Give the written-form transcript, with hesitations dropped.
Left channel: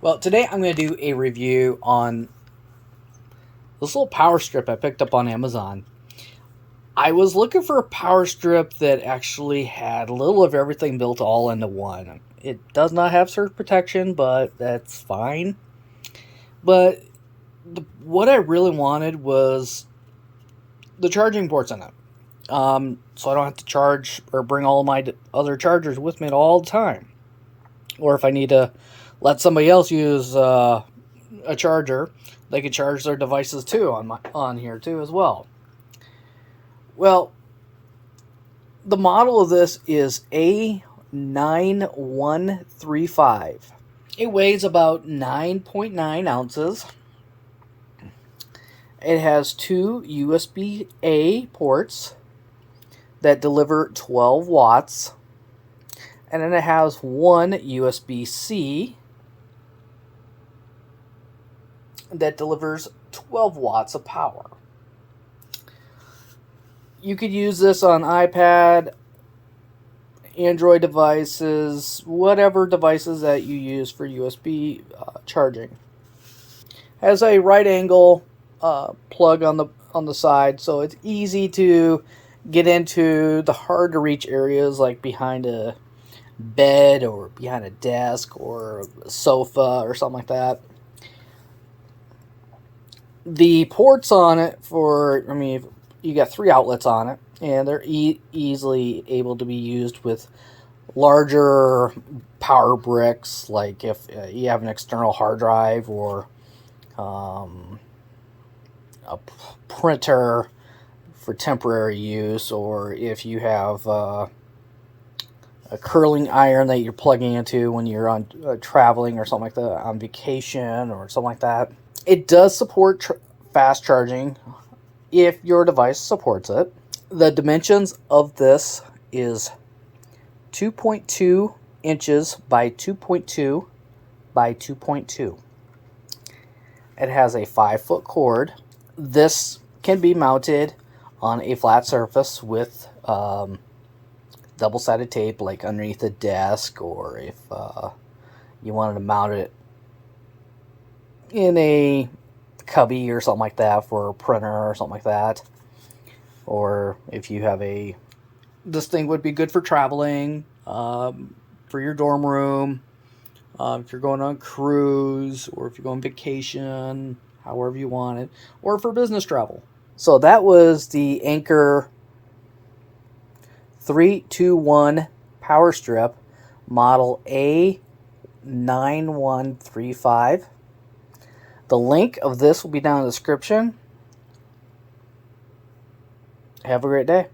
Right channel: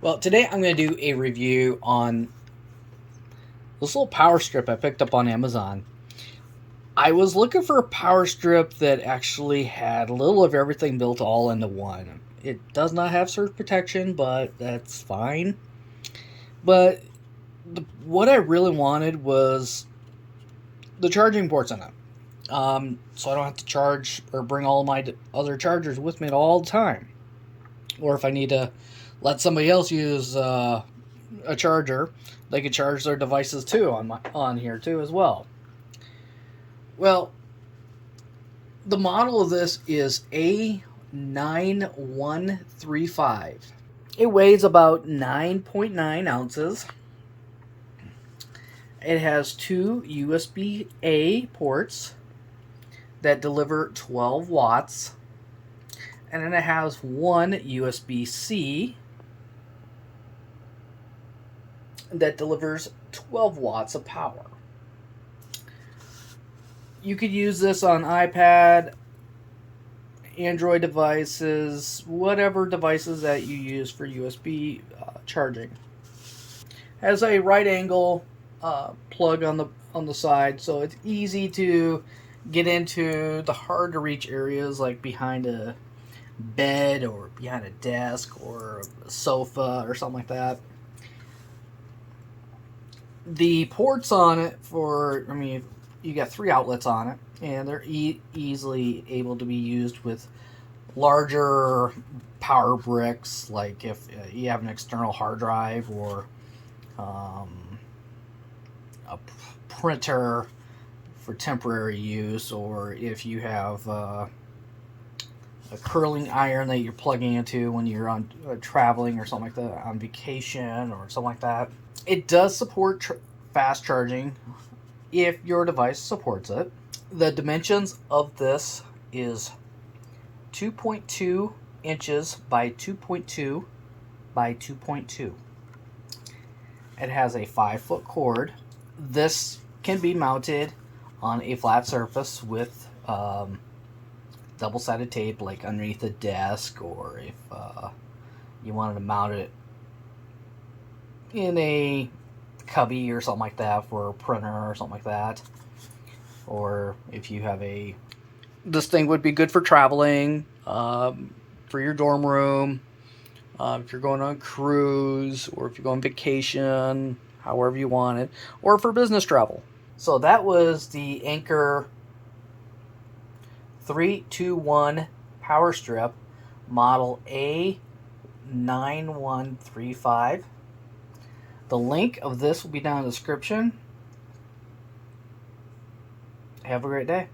Well, today I'm going to do a review on this little power strip I picked up on Amazon. I was looking for a power strip that actually had a little of everything built all into one. It does not have surge protection, but that's fine. But what I really wanted was the charging ports in it. So I don't have to charge or bring all my other chargers with me all the time. Or if I need to let somebody else use a charger, they can charge their devices too on here too as well. Well, the model of this is A9135. It weighs about 9.9 ounces. It has two USB-A ports that deliver 12 watts. And then it has one USB-C that delivers 12 watts of power. You could use this on iPad, Android devices, whatever devices that you use for USB charging. Has a right angle plug on the side, so it's easy to get into the hard to reach areas like behind a bed or behind a desk or a sofa or something like that. The ports on it you got three outlets on it, and they're easily able to be used with larger power bricks, like if you have an external hard drive or a printer for temporary use, or if you have a curling iron that you're plugging into when you're on traveling or something like that, on vacation or something like that. It does support fast charging if your device supports it. The dimensions of this is 2.2 inches by 2.2 by 2.2. It has a 5-foot cord. This can be mounted on a flat surface with double-sided tape, like underneath a desk, or if you wanted to mount it in a cubby or something like that for a printer or something like that. Or if you have this thing would be good for traveling, for your dorm room, if you're going on a cruise, or if you're going on vacation, however you want it, or for business travel. So that was the Anker 321 power strip, model A9135. The link of this will be down in the description. Have a great day.